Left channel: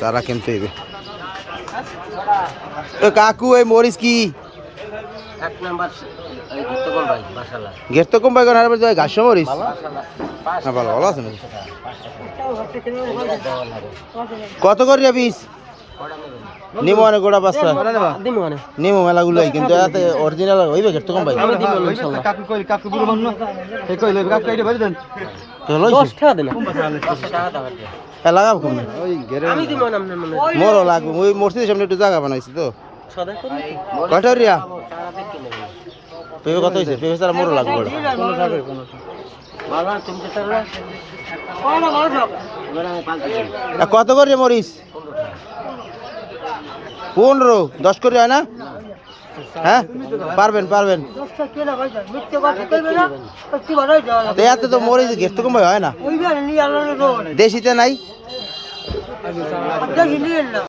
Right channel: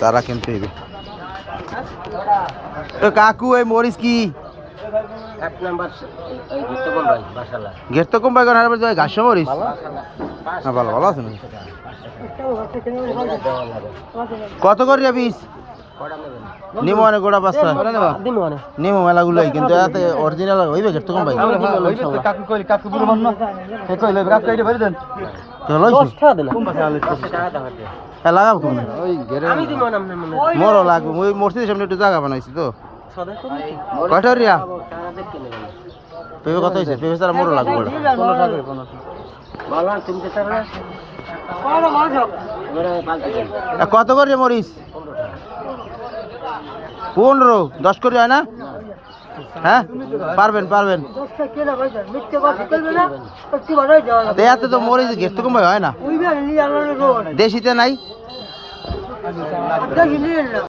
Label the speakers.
Speaker 1: চারা কিনতে হইবে তো কাকু এই মরিচ কি
Speaker 2: এক নাম্বার এই ঘুরতে বল ভাই মাশাআল্লাহ
Speaker 1: গেট তো কম পাইগো না ঘাস মরিচ হ্যাঁ ভালো ভালো আছে কত করে পিস নিমো অনেক গোড়া পাঁচটা
Speaker 2: মানে
Speaker 1: নিমো মেলাগুলো কিন্তু এত অরিজিনাল হইবে গেট কম পাইগো
Speaker 3: কাকু কইল কাকু বুড়ো মান না এই কইল কাকু এইটা ভরে দেন কোন
Speaker 1: হ্যাঁ লাগাবো কম
Speaker 3: ওই গেরে
Speaker 2: আমি দিব না আপনার মনে
Speaker 1: মোরও লাগবে। ওই মসজিদের সামনে একটু জায়গা বানাইছি তো।
Speaker 2: সদা
Speaker 1: রিয়া? পেঁপে কত হয়েছে পেঁপে ছাড়া মোরও লাগবে ওটা
Speaker 3: কোন কোন
Speaker 1: কত করে মরিচ? পনেরো। দশ করে হয় না? হ্যাঁ? পারবেন পারবেন। তো এত তো হয় না? দেশিতে নাই?